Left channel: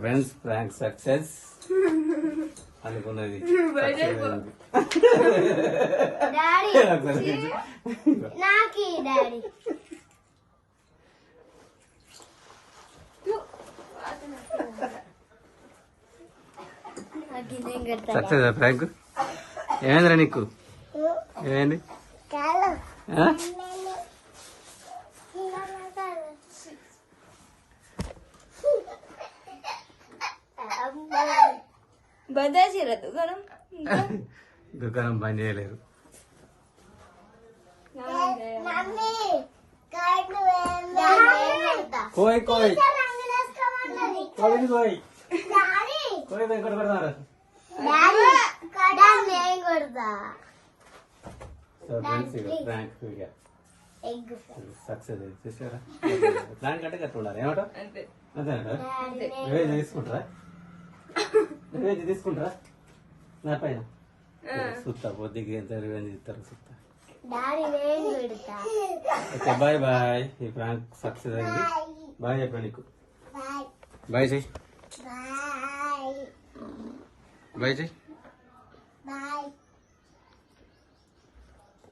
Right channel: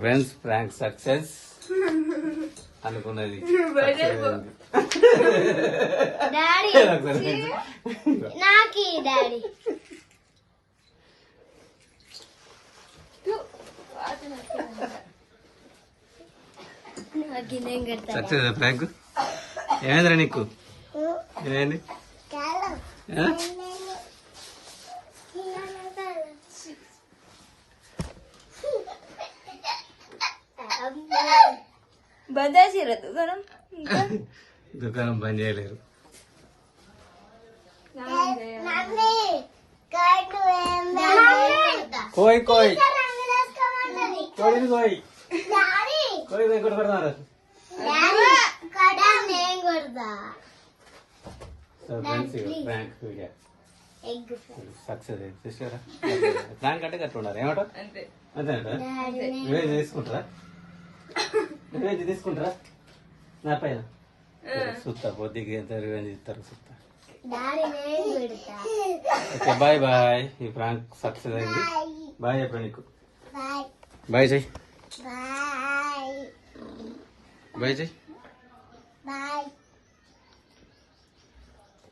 Friends prank success అనుకున్నది success prank. ఏమైందిరా నీకు? ఏమైంది? దుకాణం బంద్ చేయలేరు. కోయ్ కోయ్ కోయ్ కోయ్ కోయ్ ఇంకోటి పడతారు. సక్సెస్ చూసారా? ప్రాంక్ అంటే గట్ల ఉండాలి. ఏమంటారు? అంతేనంట. రివేంజ్ తీసుకుంటారా? రివేంజ్ తీసుకుంటారా నా పైన? సుత్తా పొద్దుకి ఎంత రివేంజ్ ఇస్తారు సుత్తా. Okay bye bye. ఈ ప్రాంక్ సక్సెస్ అయింది. బాయ్ చెప్పండి. నీకు బాయ్ చెయ్యి. బాయ్ చెయ్యి.